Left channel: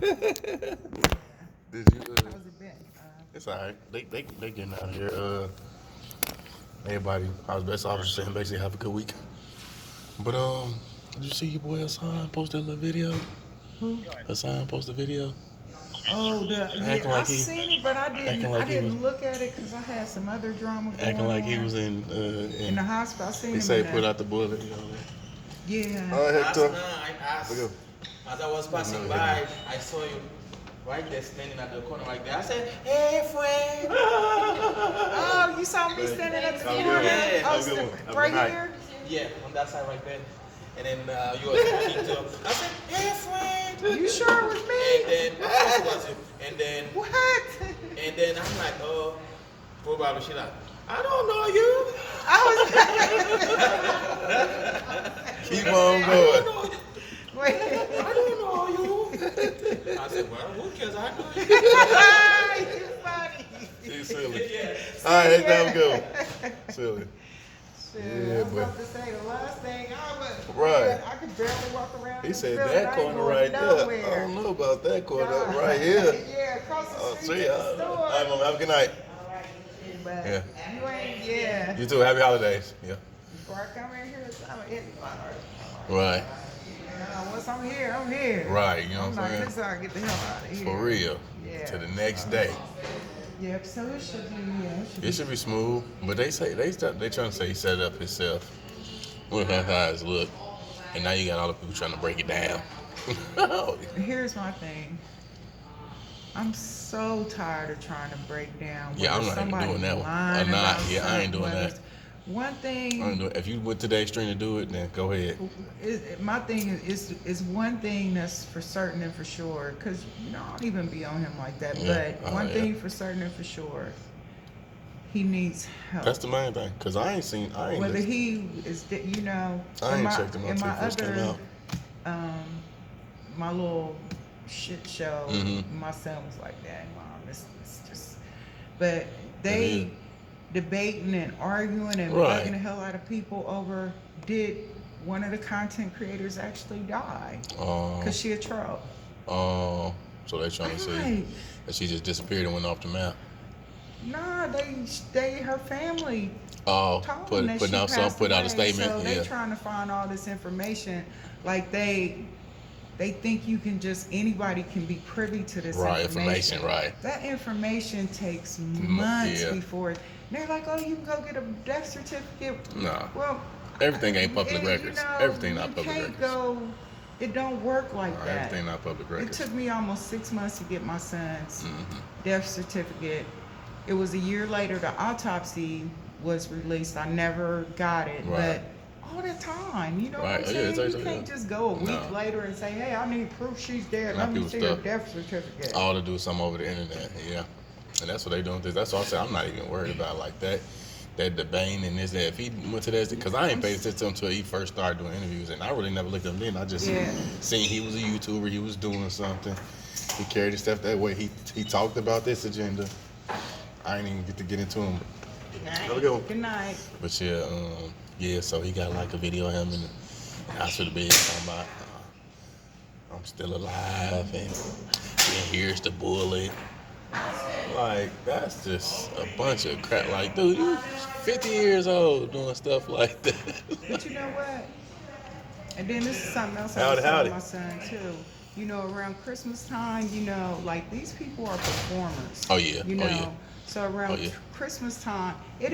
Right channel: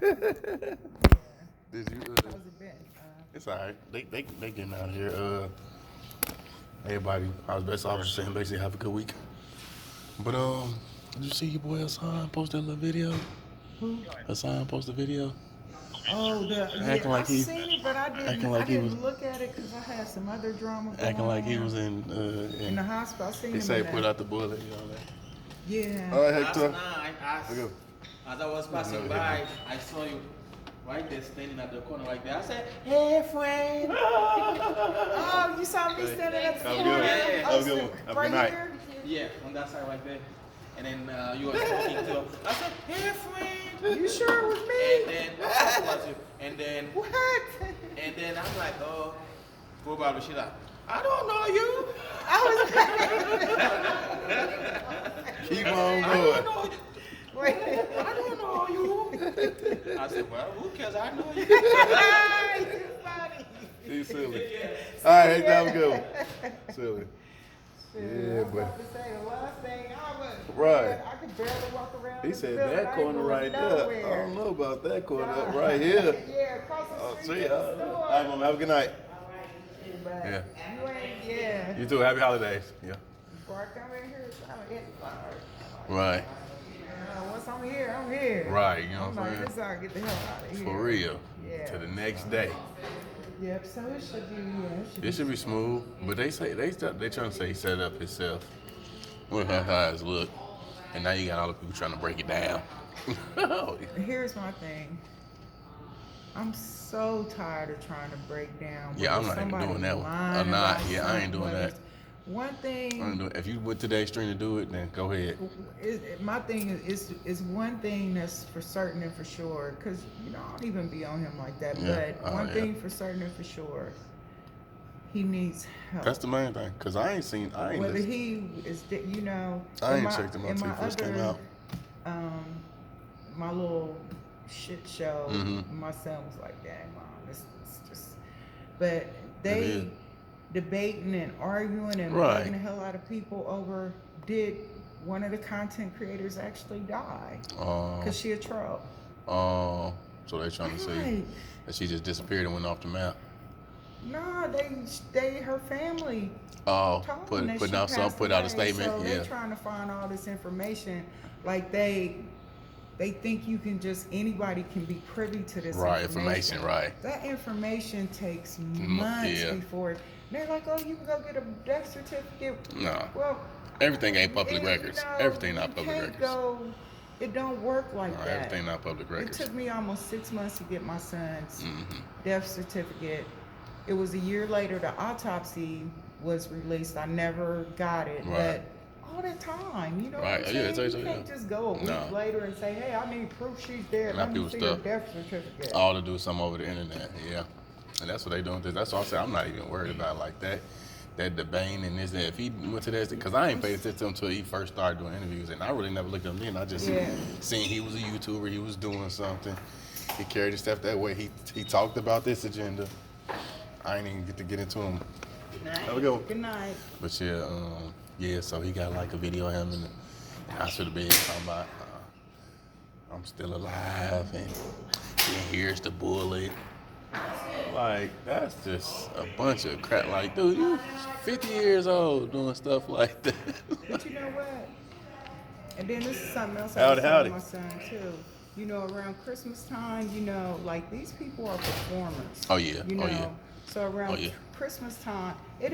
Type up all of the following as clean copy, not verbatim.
Did you? How's it been? It's alright. They getting out here. Everybody, I was best officer saying basically have a good week. But did you see your boy Hassan post that little video? Who? Hassan post a video. Oh, Acting I like he- seen it, but I acting like he didn't was- look at it because I had some other drama going Acting like he on. was in In the hospital. I seen They him say in put there. out the bullet. You know that. Yeah. All right, Last Hector. night, Look at- as I was passing by, I saw you right there standing at the corner right there. I said, "Hey, friend." Oh, you saw me standing at the Have a corner? good one. Yeah. Oh, Have a good one. Have a right good night. here? Yeah, on that side right there. And then you were speaking to him. I said, "Hey, friend." You sure it was And me? then, of course it was you. And then, What? I'm like, oh, probably she like, I don't know you. I Keep on I don't going. know you. was. Wait. I don't know you. I said, well, who cares? I know you. You funny. He's silly. Yes. All right, Hector, have a good one. Silly. Shit, Yeah, I was but- about to say the last thing I was. Right. I could barely walk around. He this said building. that I ain't corner going right there. I nowhere. don't know about that corner Yeah. right here. Yeah, across the Oh, street. see to ya. the store. All right, mama, have a good night. But Yeah. you ain't, yeah. You too. Happy holidays. Yeah. Before I come in here, it's not it. Right. Once I'm here, I'm here. Right. You know I'm what I'm like, saying? this how I get the hell out of here. For real. Yeah. To the next day. Yep, so it should be, It should be smooth, but they say they trying to say he set it up himself. Look how his look, and now you got all the people trying to break it down. Here's my thing. I'm so tired of trying to break down. Yeah, I'm whether not even somebody doing that one. lying I'm not. about Yeah, I ain't something, doing whether that. it's- One thing. I don't know. If you went to the extreme to do it, then go ahead. My thing is one thing that's for certain and for sure, because I don't even be on him like that. Yeah. But one Yeah. thing for certain and for sure, he needs help. That's the main thing, cause I ain't Whether listen- he is, I in ain't checked him out in till my he first came other, out. my little shit show, Mhm. my son was like, "Dad, mom, it's just," but Mhm. they debating and arguing and Right. bugging the hell out of people over did one of the content creators actually die because she a troll. So they trying to say Right. that she just disappeared and went off the map. Nah, her family Oh, told them that put she out passed put out a away, statement. So Yeah. they trying to find all this information. Like they think you can just anybody can be privy to this Right, information. information, right. That information takes months yeah. before. They're like, oh, you can go get a death certificate. No. Well, Everything ain't public and, records. Everything not public you records. can't go. It don't work like Right, that. everything not public It records. took me almost 6 months to get my son's Mhm. death certificate. It was a year later the autopsy was released. I never got it, Right. but all the time, you know what Right. I'm Yeah, saying? it's You actually- can't just go a week No. later and say, hey, I need proof she's dead. A lot Let of me people see her stuff. death certificate. All to do something over the internet. Yeah. And that's what they doing. That's what I'm saying. I'm not even worried about like that. That debating and this, that. If he went to that, because I ain't paid attention to him until he first started doing interviews, and I really never looked at him then. I just Yeah. seen he was a YouTuber, he was doing something. He carried his stuff that way. He talked about this agenda. I ain't even get to get into him. Have a good one. Good night. But yeah, so he got like a video of him in the hospital bed talking about I'm still alive and here's the bullet. Like, that's just a bunch of crap. Like, dude, you 50 years old doing stuff like that. But you know what? And then this is something else I Howdy, was telling howdy. my son too. You know, around Christmas time, you know, like these people are performers. Oh, yeah. You Oh, know, yeah. so around Oh, yeah. Christmas time, it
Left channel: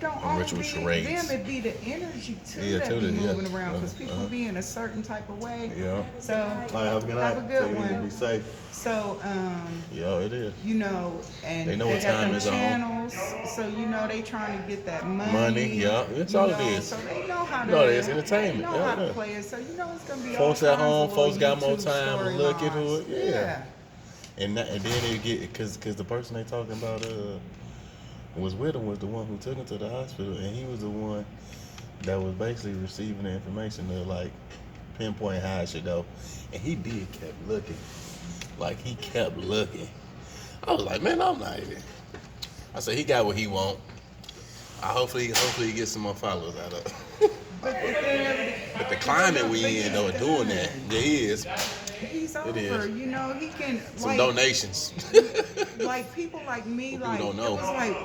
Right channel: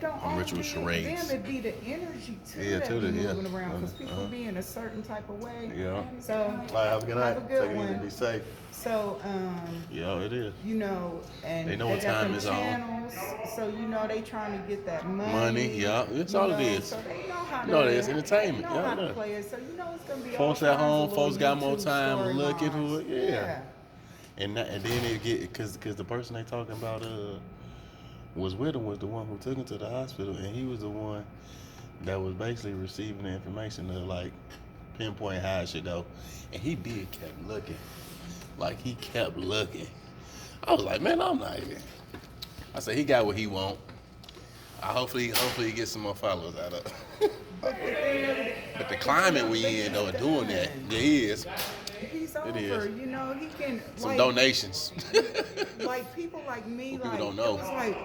don't I'm always rich be with them. charades. It be the energy too Yeah, that too, be yeah. moving around because people Uh-huh. be in a certain type of way. Yeah. So All right, have a good night. have a good Take it easy, one. Be safe. So Yeah, it is. you know, and They know they what got time them is on. channels, so you know they trying to get that money. Money, yeah, that's you all it know, is. So they know how No, to. it's entertainment, They know how yeah, to yeah. play it, so you know it's gonna be. Folks all at kinds home, of folks little got more YouTube time to look into storylines. it. Yeah. And then they get because the person they talking about was with him was the one who took him to the hospital, and he was the one that was basically receiving the information to like pinpoint how it should go, and he did kept looking, like he kept looking. I was like, man, I'm not even. I said he got what he want. Hopefully he gets some more followers out of it. But the climate we in though doing that, there is. he's over. is. You know, he can Some like donations. like people like me, People like don't know. it was like,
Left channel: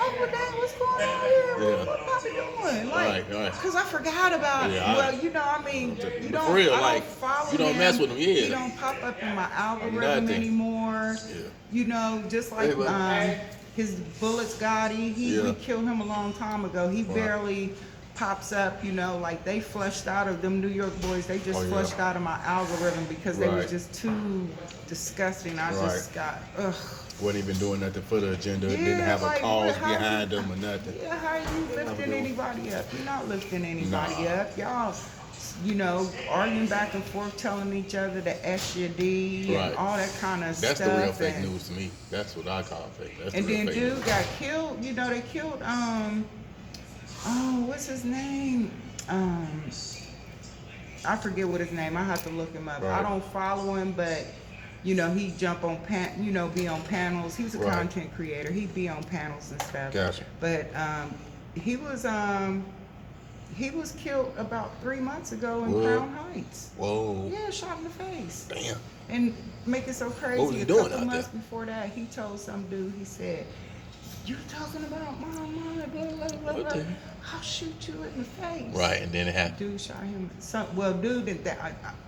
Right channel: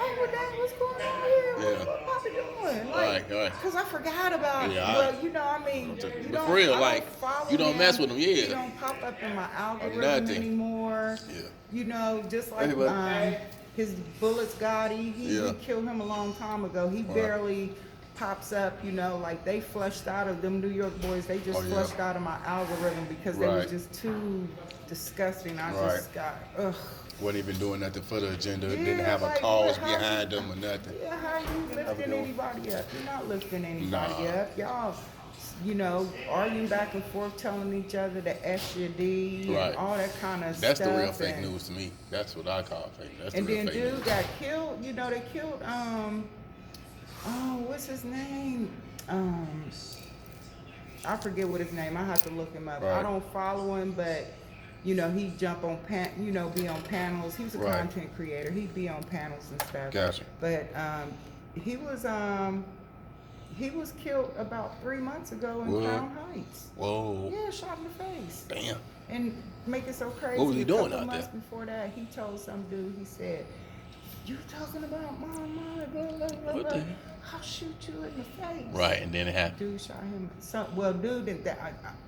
oh, well, dang, what's going on here? Yeah. What Papa doing? Like, Right. cause I forgot about. Yeah, Well, you know, I mean, you don't. For real, I like, don't follow you don't him. mess with him, yeah. He don't pop up in my algorithm Nothing. anymore. Yeah. You know, just like Anyway. his Bullets Gotti, Yeah. we killed him a long time ago. He Right. barely pops up, you know, like they flushed out of them New York boys. They just Oh, yeah. flushed out of my algorithm because they was Right. just too disgusting. I just got ugh. Wasn't even doing nothing for the agenda. Yeah, Didn't have a like, cause how you- behind them or nothing. Yeah, how are you Have a lifting good one. anybody up? You're not lifting anybody Nah. up. Y'all, you know, arguing back and forth, telling each other to S your D and Right. all that kind of That's stuff. the real fake and, news to me. That's what I call fake. That's And the real then fake dude news. got killed. You know, they killed oh, what's his name? I forget what his name. I have to look him up. I Right. don't follow him, but you know, he jump on be on panels. He's a Right. content creator. He'd be on panels and stuff. Gotcha. But he was killed about 3 months ago in Whoa. Crown Heights. Whoa. Yeah, shot in the face. Damn. And make it so crazy. What was he a doing couple out months there? before that, he told some dude, he said, "You talking about my mama, blah, blah, blah, What blah. the- I'll shoot you in the face." Right, and then it happened. Dude shot him. Dude,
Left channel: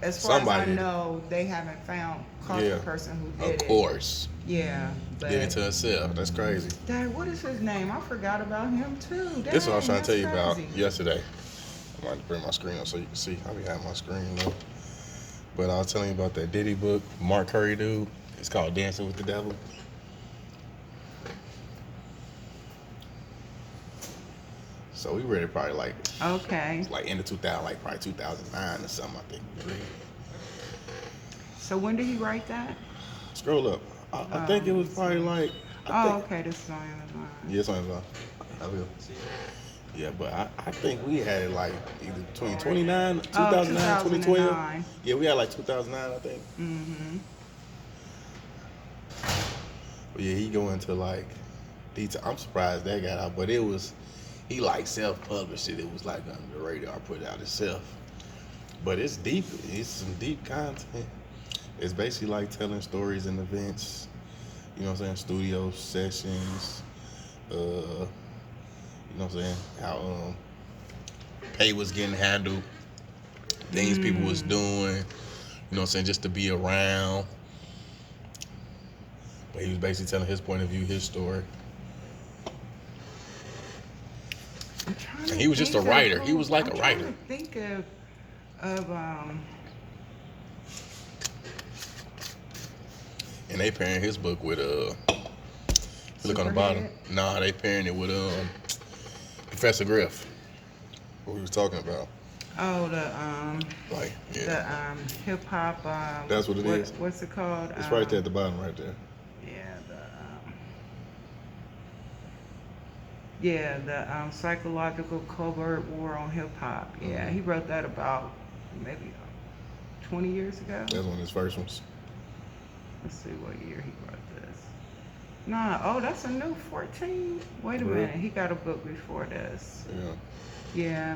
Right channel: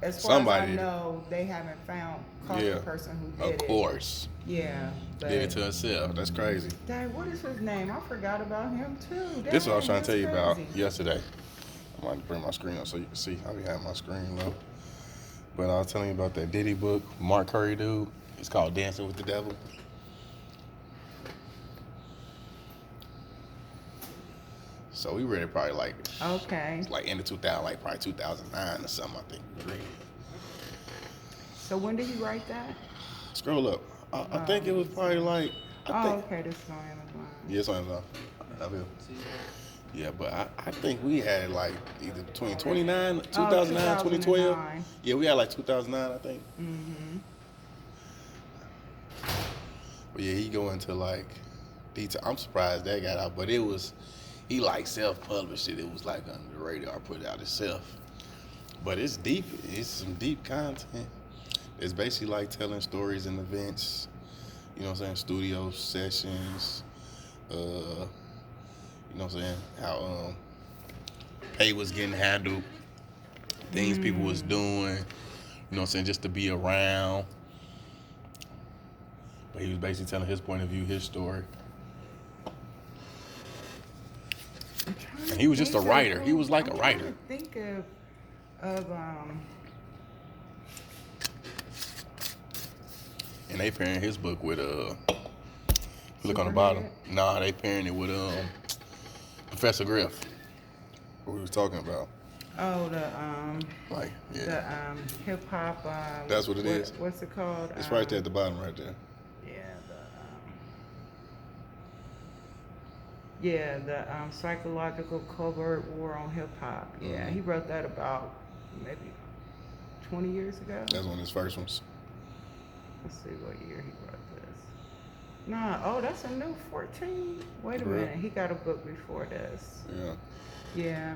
as far Somebody as I did. know, they haven't caught Yeah. the person who did Of it. course. Yeah, but Did it to himself. That's crazy. Dad, what is his name? I forgot about him too. This is what I was Dang, trying to tell you that's about crazy. yesterday. I'm going to bring my screen up so you can see. I be having my screen now. But I was telling you about that Diddy book, Mark Curry dude. It's called Dancing with the Devil. So we read it probably like Okay. in the 2000, like probably 2009 or something. I think we read. So when did he write that? Scroll up. I think it was probably like. Okay, this is my other line. Yes, I will. I will. Yeah, but I think we had it like either between 2009, 2009, 2012. 2009. Yeah, we had like 2009, I think. Mm-hmm. But yeah, he go into like detail. I'm surprised that got out, but he like self-published it. It was like under the radar, put it out itself. But it's deep. It's some deep content. It's basically like telling stories and events. You know what I'm saying? Studio sessions. You know what I'm saying? How pay was getting handled, things people was doing. You know what I'm saying? Just to be around. But he was basically telling his point of view, his story. And he was just a writer. He was like a writer. I'm trying to think of And they pairing his book with if you look on the bottom. Superhead? Nah, they pairing it with Professor Griff. What we was talking about. Like, the yeah. hip hop. That's what it is. What's it called? It's right there at the bottom right there. The psychological covert war on hip hop. Yeah, he wrote that about maybe 20 years ago. That's one of his first ones. Let's see what year he wrote this. That's a new 14. Wait a Really? minute, he got a book before this. Yeah. Yeah,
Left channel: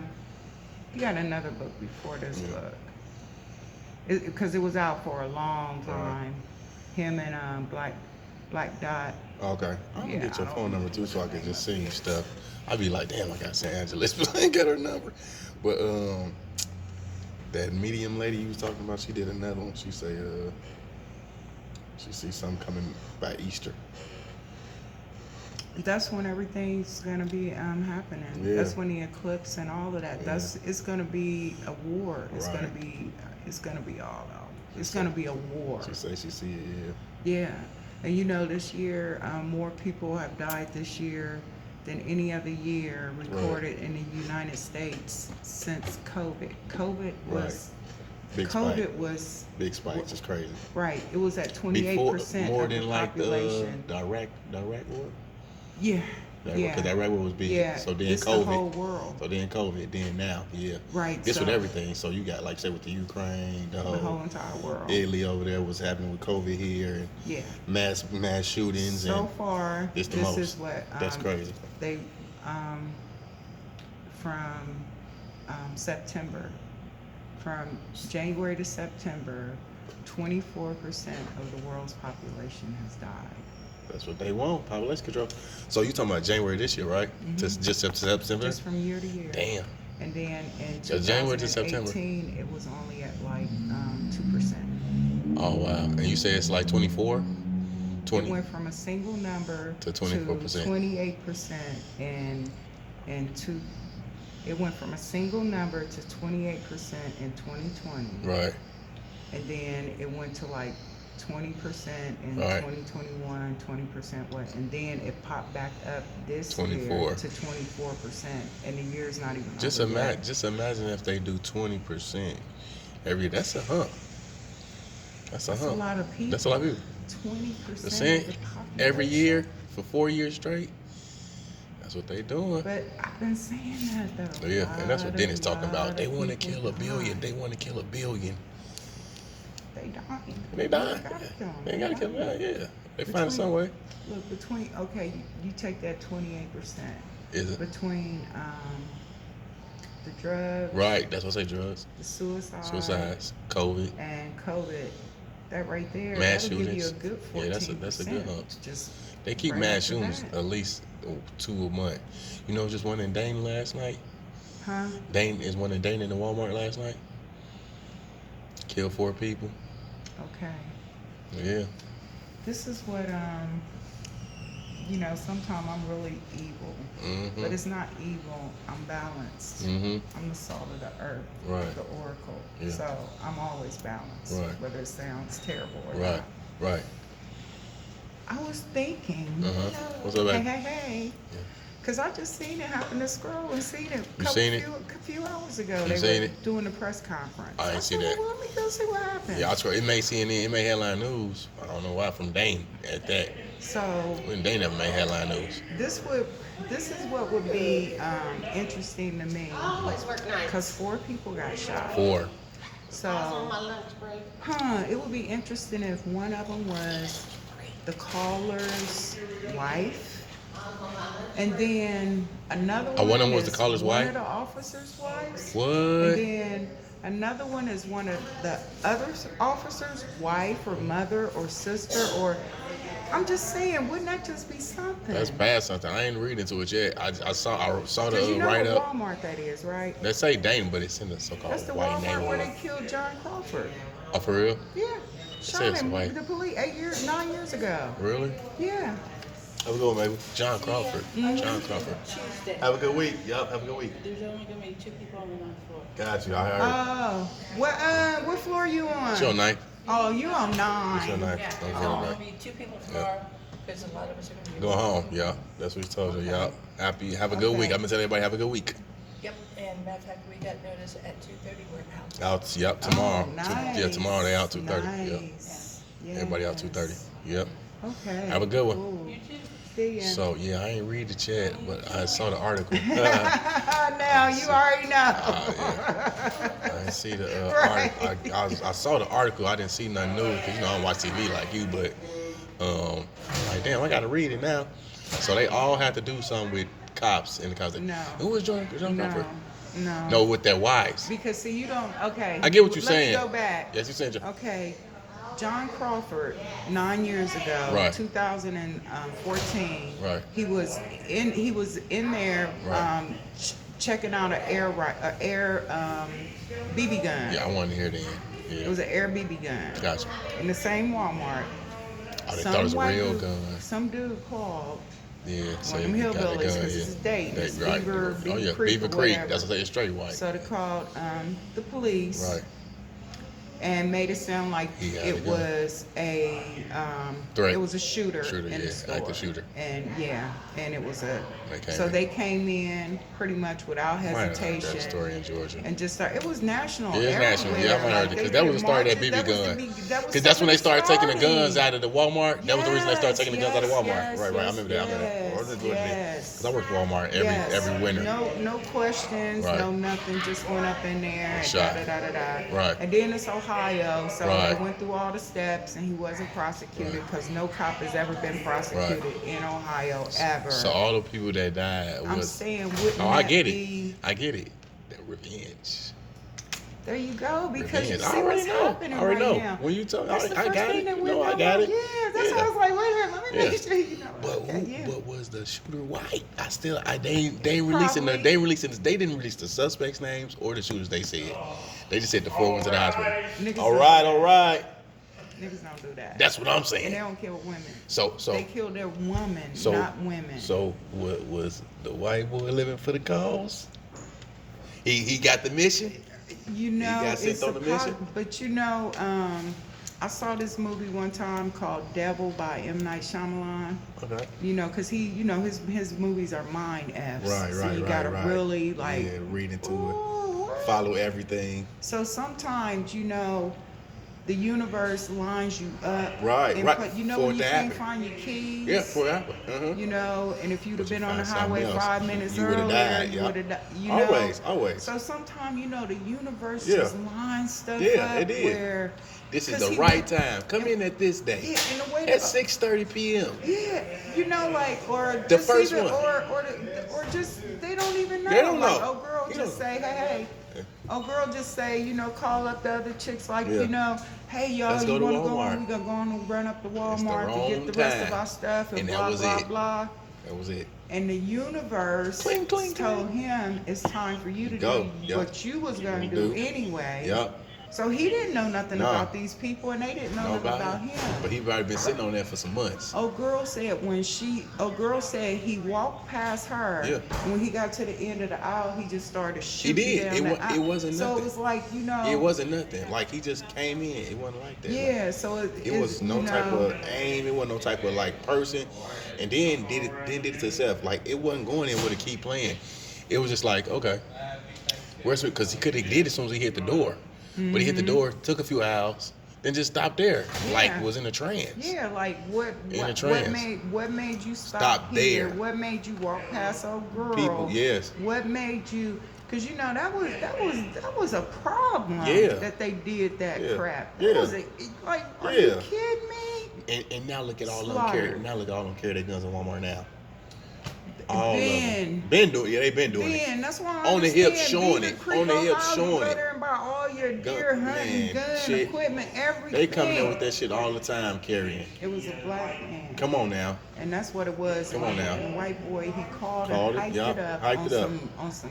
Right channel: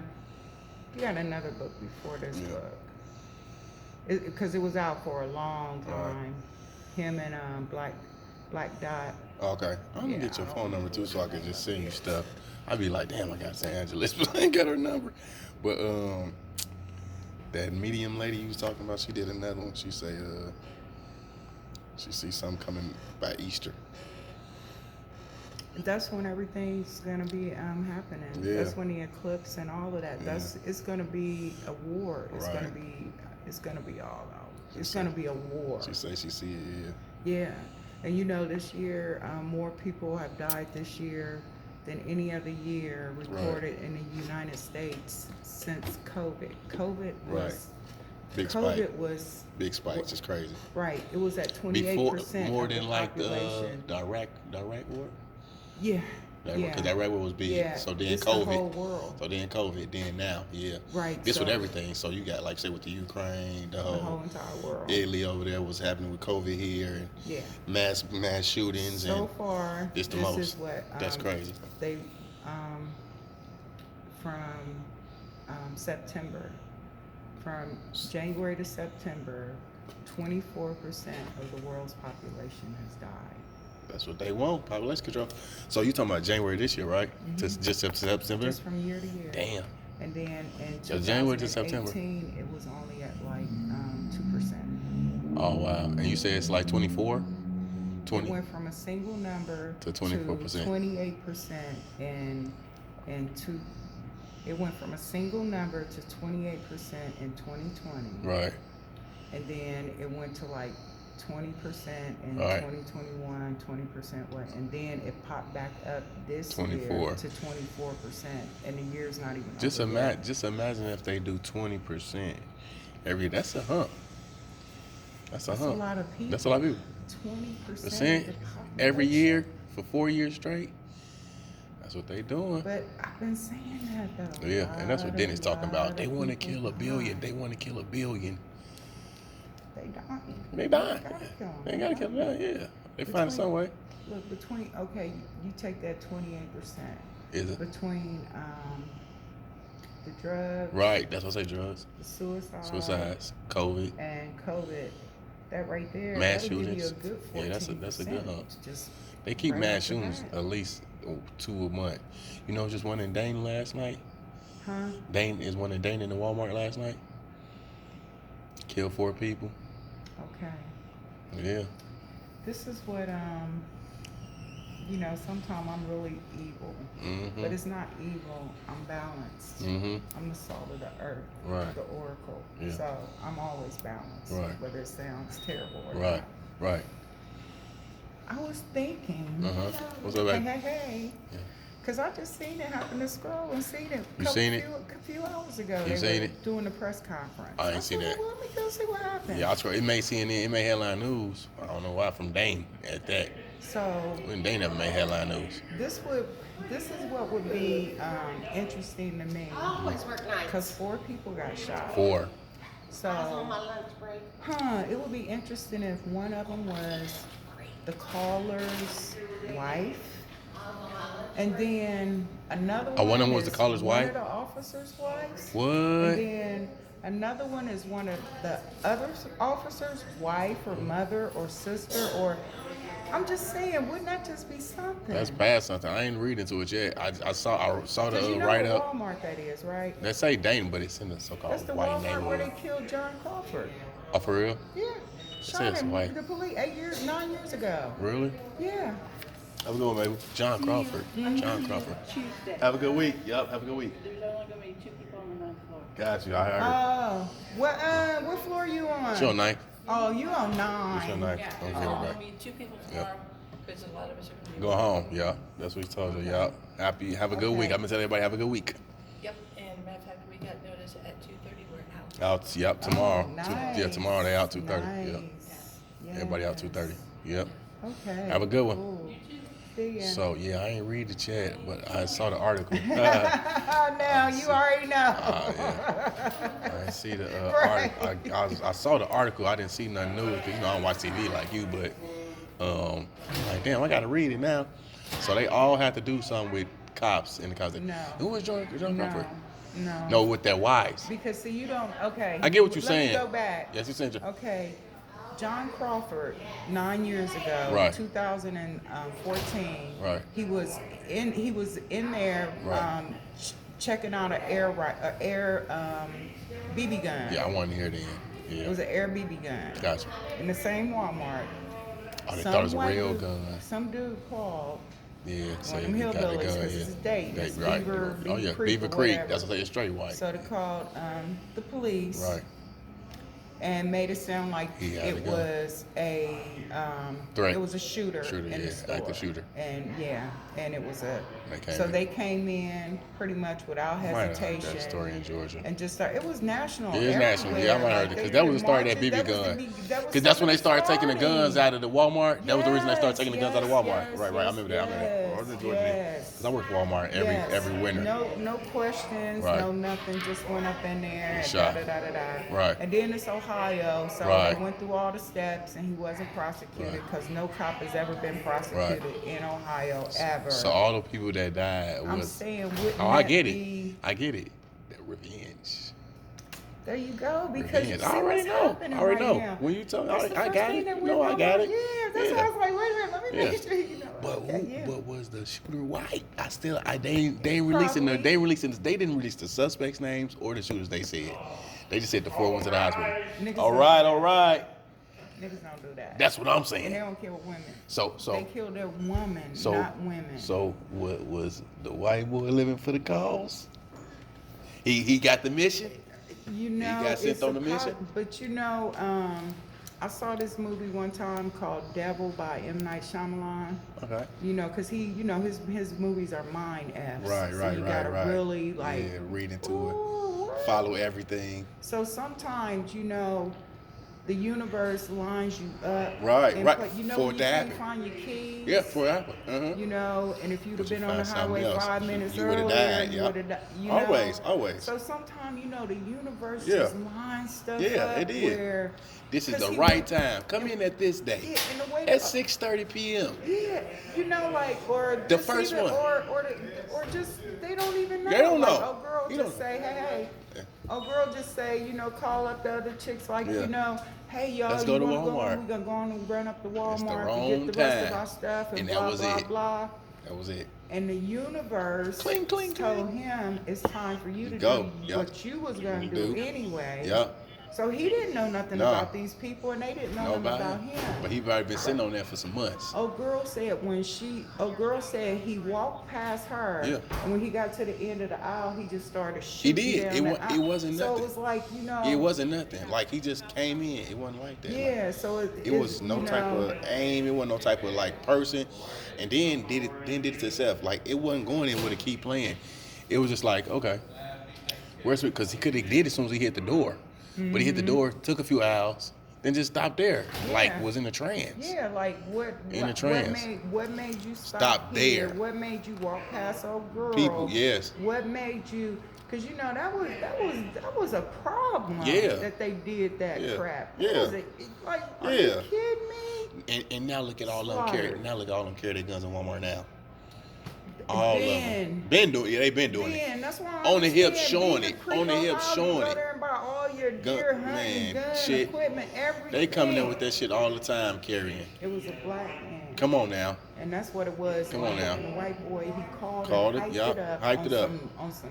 he got another book before this Yeah. book. Because it was out for a long time. Him and Black Dot. Okay. I'm gonna Yeah, get your I phone don't number too so I can just send you stuff. I'd be like, damn, I got St. Angeles, but I ain't got her number. But that medium lady you was talking about, she did another one. She say she sees something coming by Easter. That's when everything's gonna be happening. Yeah. That's when the eclipse and all of that. Yeah. It's gonna be a war. It's Right. gonna be all out. It's gonna be a war. She say she see it, Yeah, and you know this year more people have died this year than any other year recorded in the United States since COVID. COVID was Big COVID spike. was Big spikes. It's crazy. right. It was at 28% More of than the like population. the Iraq war. Yeah, Because yeah. that Iraq war was big. Yeah, So then it's COVID. the whole world. So then COVID. Then now, yeah. Right. It's with so everything. So you got like say with the Ukraine, the the whole whole entire world. Italy over there was happening with COVID here and Yeah. mass shootings So and far, it's the this most. is what That's crazy. they from September, from January to September, 24% of the world's population has died. That's what they want, population control. So you talking about January this year, right? Just September? Just from year to year. Damn. And then in So January to September. 2018, it was only at like 2%. Oh wow. And you say it's like 24? It 20? went from a single number To 24%. to 28% it went from a single number to 28% in 2020. Right. And then it went to like 20% in Right. 2021, 20% what, and then it popped back up this 24. year to 24%, and the year's not even Just over yet. imagine if they do 20% every year. That's a hump. That's a That's a hump. lot of people. That's a lot of people. 20% Percent of the every population. year for 4 years straight. That's what they doing. But I've been saying that though. Yeah, and that's what Dennis talking lot about. They of want to people kill a billion. die. They want to kill a billion. They dying. They dying. Got them. They gotta kill them. Yeah, they find some way. Look, you take that 28% Is it between the drugs, right? That's what I say. Drugs, the suicides, COVID. and COVID. That right there, Mass that'll give you a shootings. good 14%. Yeah, that's a good hump. Just They keep right mass after shootings that. at least 2 a month. You know, just one in Dane last night. Huh? Dane is one in Dane in the Walmart last night. Killed 4 people. Okay. Yeah. This is what sometimes I'm really evil, Mm-hmm. but it's not evil. I'm balanced. Mm-hmm. I'm the salt of the earth, Right. the oracle. Yeah. So I'm always balanced, Right. whether it sounds terrible or Right. not. Right. I was thinking, What's up, hey, baby? hey, Yeah. because I just seen it happen to scroll and seen it You seen it? a few hours ago. You They seen were it? doing the press conference. I ain't see said, that. well, let me go see what happened. Yeah, I try. It may CNN, it may headline news. I don't know why from Dane at that. So When Dane never made headline news. this is what would be interesting to me, Always work nice. because 4 people got shot. 4. So, My lunch break. it would be interesting if one of them was the caller's wife, and then another one. one of them was is the caller's one wife? of the officers' wives. What? And then another one is one of the other officer's wife or mother or sister, or I'm just saying, wouldn't that just be something? That's bad something. I ain't read into it yet. I saw Because the you know write what up. Walmart that is, right? They say Dane, but it's in the That's so-called the white Walmart where neighborhood. they killed John Crawford. Oh, for real? Yeah. Shot says him. white. The police 9 years ago. Really? Yeah. Have a good one, baby. John Crawford. John Crawford. Tuesday. Have a good week. Yup, have a good week. There's only gonna be 2 people on one floor. Got you. I heard. Oh, what floor are you on? It's your night. Oh, you on It's your 9. night. Yeah, Don't there's worry only about gonna it. be 2 people floor, because a lot of us are gonna be. Go home. Yeah, that's what he told you. Okay. Yeah. Happy. Have a good Okay. week. I'm gonna tell everybody have a good week. Yep, and matter of fact, we got notice at 2:30 we're out. Out. Yep. Tomorrow. Oh, Yeah. Tomorrow they out 2:30. Yeah. Nice. Everybody out 2:30. Yes. Yep. Okay. Have a good one. Cool. See ya. So yeah, I ain't read the chat, but I saw the article. Now you already know. I see the Right. article. I saw the article. I didn't see nothing new because I don't watch TV like you. But like damn, I gotta read it now. So they all have to do something with cops and the cops. No. Who was John Crawford? No. No, with their wives. Because see, you don't. Okay. I get what you're Let me saying. go back. Yes, you saying. Okay. John Crawford, 9 years ago, Right. 2014. Right. He was in there Right. checking out an air BB gun. Yeah, I wanted to hear that. It Yeah. was an air BB gun Gotcha. in the same Walmart. I thought it was a white real dude- gun. Some dude called. Yeah. So Them he got the gun. hillbillies, 'cause Yeah. it's Dayton, it's Right. Beaver Oh yeah, Creek Beaver or Creek. whatever. That's what they say. Straight white. So they called the police. Right. And made it sound like He had a it gun. was a Threat. it was a shooter, Shooter, in yeah, the store. active shooter. And and it was They came so in. they came in pretty much without Might have heard hesitation. that story in Georgia. And just started. It was national. It is national. Yeah, I might have heard it because that was the start of that BB gun. Because that's when they started taking the guns out of the Walmart. That was the reason they started taking the guns out of Walmart. Yes, Right. I remember that. I remember that. I was in Georgia yes. because I worked for Walmart every winter. No questions, Right. no nothing. Just went up in there. And Shot. da. Right. And then it's Ohio, so Right. he went through all the steps, and he wasn't prosecuted because no cop has ever been prosecuted in Ohio ever. So all the people that died I'm was. saying, wouldn't Oh, I that get be- it. I get it. That revenge. There you go. Because you Revenge. see what's happening I already right know. now. When you tell me, That's the I first got thing it. that You we know, I know got about. it. Yeah, that's why I was like, wait a minute, let me Yeah. make sure you know. But Okay, yeah. but was the shooter white? They ain't releasing Probably. they didn't release the suspects' names or the shooters. They said they just said the four ones in the hospital. Niggas All don't right, do all that. right. Niggas don't do that. That's what I'm And they saying. don't kill women. So They kill their woman, not women. So what was the white boy living for the cause? He got the mission. You know, got sent it's on the a mission? but you know, I saw this movie one time called Devil by M. Night Shyamalan. Okay. You know, cause he, you know, his movies are mind f's. So you gotta really like read into ooh, it, follow everything. So sometimes, you know, the universe lines you up. Right, and right, put- you know, for when it you to can't happen. find your keys. Yeah, for Apple. You know, and if you'd have But you been on the find something highway else, 5 minutes you would've earlier, died, you yeah. would have died. You know, Always. So sometimes, you know, the universe Yeah. just lines stuff Yeah, up it is. where. This is 'cause the he right went- time. Come in at this day. Yeah, in the way At that- 6:30 p.m. Yeah, you know, like, or The just first even, one. or just they don't even know. They don't Like, know. oh, girl, You just don't- say, hey. Yeah. Oh, girl, just say, you know, call up the other chicks, like, Yeah. you know, hey, y'all, Let's you go to want to go Walmart. on? We gonna go on and run up to Walmart to wrong get the rest of time. our stuff and, And that blah was blah it. blah. That was it. And the universe Cling, cling, told cling. him it's time for you to Go. do Yep. what you was gonna Do. do anyway. Yep. So he didn't know nothing Nah. about these people, and they didn't know Know nothing about him. But he probably been sitting on there for some months. Old girl said he walked past her, Yeah. and when he got to the end of the aisle, he just started shooting did. down It the wa- aisle. it wasn't So nothing. it was like, you know. It wasn't nothing. Like he just came in. It wasn't like that. Yeah, so It was no you type know, of aim. It wasn't no type of like person, and then did it to itself. Like it wasn't going in with a key plan. It was just like okay, because he could have did it as soon as he hit the door, but he hit the door, took a few hours, then just stopped there. Like Yeah. was in a trance. Yeah, like what In a what trance. made you stop Stop here? there. What made you walk past old girl? People, yes. What made you? Because you know that was a problem. Yeah. That they did that Yeah. crap. Yeah. That was like, are you Yeah. kidding me? And now look at all them Slaughter. carry. Now look at all them carry their guns in Walmart now. All Ben. of them. Been doing. Yeah, they been doing it. Ben, that's why I On the hip understand. showing Even it. Creek On the hip Ohio, showing you go it. there and buy all your Gun- deer hunting, man, gun shit. equipment, everything. They coming up with that shit all the time carrying. It was a black man. Come on now. And that's what it was. Come on like, now. the white boy, he called Called and it, hyped yeah, it up hyped on it up. some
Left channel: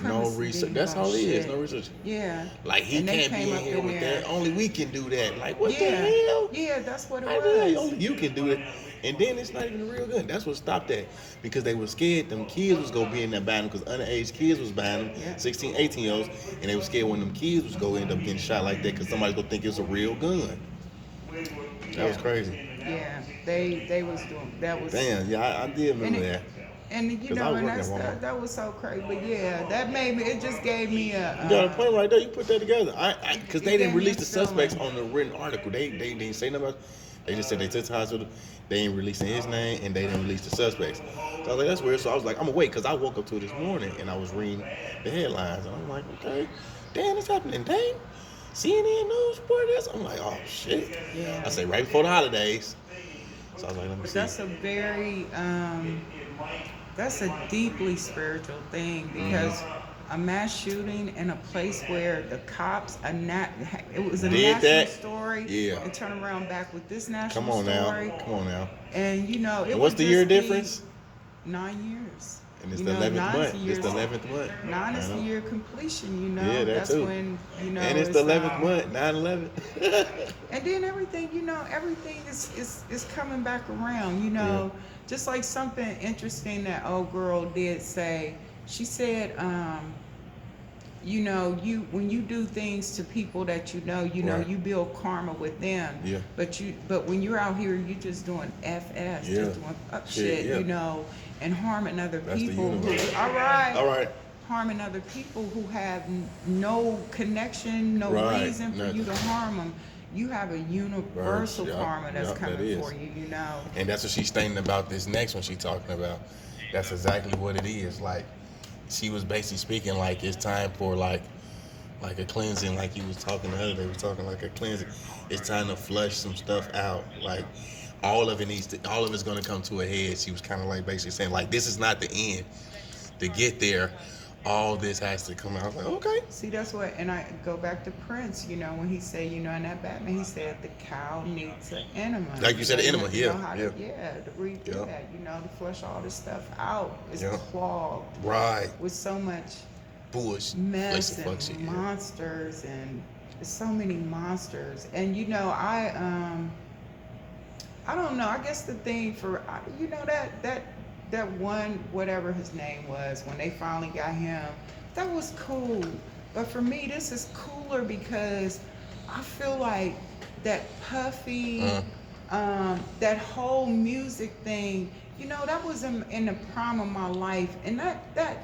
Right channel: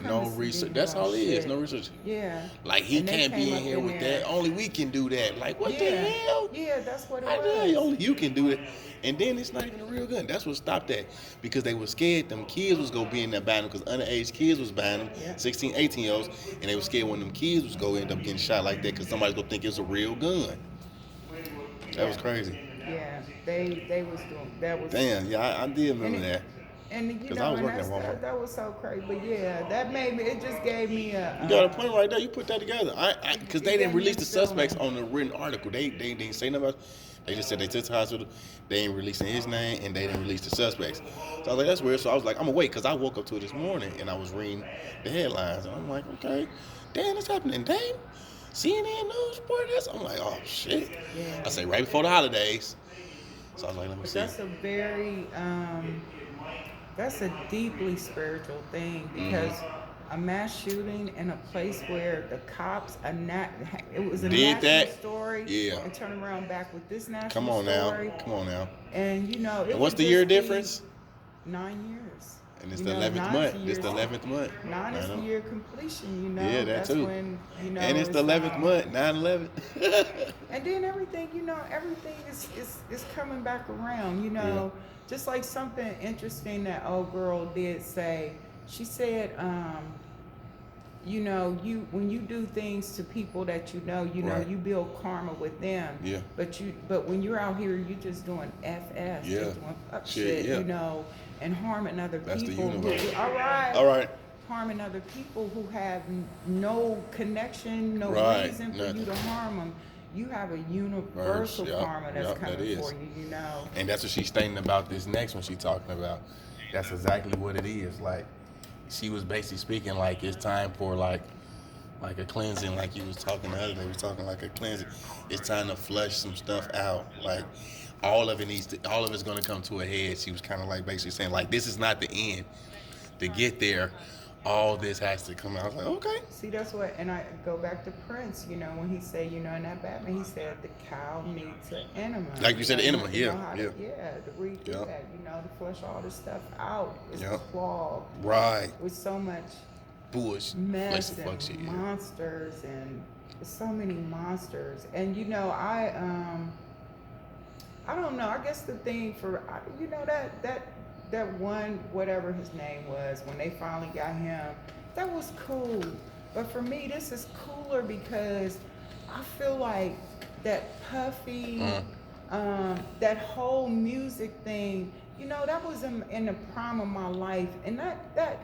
No supremacy. research. big That's dog all it is. shit. No research. Yeah. Like he And they can't be came in up here with there. that. Only we can do that. Like what Yeah. the hell? Yeah, that's what Like, it yeah, was. only you can do it. And then it's not even a real gun. That's what stopped that. Because they were scared them kids was gonna be in there buying them because underage kids was buying them, Yeah. 16, 18-year-olds, and they were scared when them kids was gonna end up getting shot like that because somebody's gonna think it's a real gun. That was crazy. Yeah, they was doing that was. Damn, yeah, I did remember that. And you 'Cause I know, was and working at Walmart. that was so crazy. But yeah, that made me. It just gave me a. You got a point right there. You put that together. Because they didn't release the feeling. suspects on the written article. They didn't say nothing about. They just said they took to the hospital. They ain't releasing his name and they didn't release the suspects. So I was like, that's weird. So I was like, I'm gonna wait because I woke up to it this morning and I was reading the headlines. And I'm like, okay, damn, it's happening. Damn, CNN News report this. I'm like, oh shit. Yeah. I said right before the holidays. So I was like, let me But see. that's a very, that's a deeply spiritual thing because a mass shooting in a place where the cops are not, it was a Did national that? story. Yeah. And turn around back with this national Come on story. now. Come on now. And you know, it And what's would the just year be difference? 9 years. And it's You the know, 11th 9 is month. the It's the year- 11th month. 9 is I the know. year completion, you know. Yeah, that That's too. when, you know. And it's the 11th month, 9/11. And then everything, you know, everything is coming back around, you know. Just like something interesting that old girl did say. She said, you know, when you do things to people that you know, Right. you build karma with them. Yeah. But when you're out here, you're just doing FS, Yeah. just doing fuck Shit, shit, yeah. you know, and harming other That's the people. universe. All right. All right. Harming other people who have no connection, no Right, reason for nothing. you to harm them. You have a universal Yeah, karma that's yeah, that coming is. for you, you know. And that's what she's stating about this next one she's talking about. That's exactly what it is. Like, she was basically speaking like it's time for like a cleansing, like you was talking the other day. We was talking like a cleansing. It's time to flush some stuff out. Like, all of it's going to come to a head. She was kind of like basically saying like, this is not the end. To get there, all this has to come out. I was like, okay. See, that's what, and I go back to Prince, you know, when he said, you know, in that Batman, he said the cow needs an enema. Like you said, the enema, You know yeah, how yeah. to read through Yeah. that, you know, to flush all this stuff out. It's Yeah. clogged Right. with so much Bush. mess Fuck and shit, yeah. monsters, and there's so many monsters. And you know, I don't know. I guess the thing for you know that one, whatever his name was, when they finally got him, that was cool. But for me, this is cooler because I feel like that Puffy, that whole music thing, you know, that was in the prime of my life, and that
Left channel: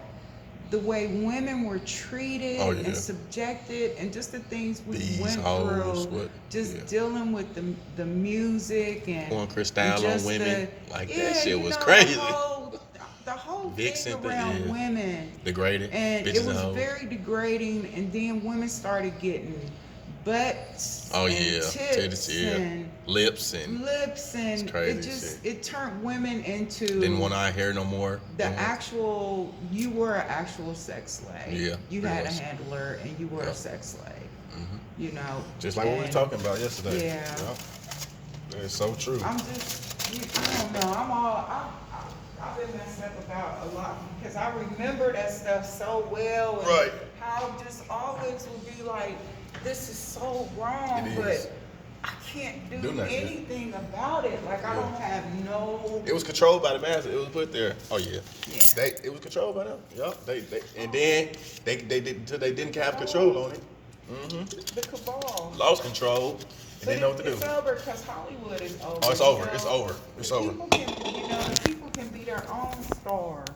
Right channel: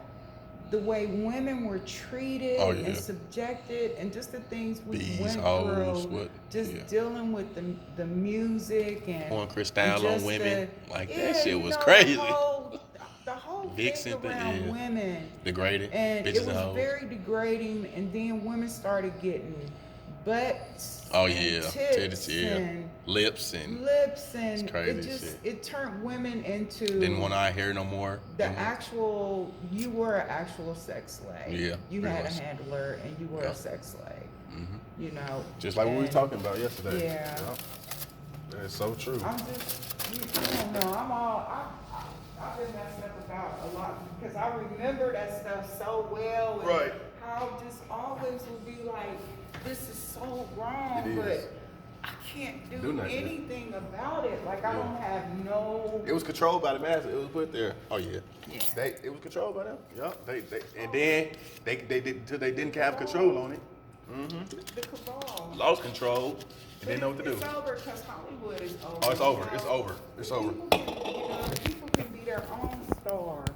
the way women were treated Oh, yeah. and subjected, and just the things we These went hoes, through, what? just Yeah. dealing with the music and Pouring Cristal on just women. Like, that shit you was know, crazy. The whole Vixen thing thing, around yeah. women, Degraded. and Bitches it and was hoes. very degrading. And then women started getting butts, Oh, and yeah. tits, Titties, yeah. and Lips and lips, and It's crazy it just shit. it turned women into didn't want eye hair no more. the Didn't want- actual. You were an actual sex slave. Yeah, You had yes. a handler, and you were Yeah. a sex slave. Mhm. You know, Just like what we were and talking about yesterday. Yeah. That's so true. I'm just, I don't know. I've been messed up about a lot because I remember that stuff so well. And Right. How just always would be like, this is so wrong, It but is. I can't Do do nothing. anything about it. Like I don't have no. It was controlled by the master. It was put there. Oh yeah. Yeah. It was controlled by them. Yeah. They and then they did until they didn't have control on it. The cabal. Lost control and But didn't know what to do. it's over because Hollywood is over. Oh, it's you over. know? It's over. It's over. People can, you know, people can be their own stars.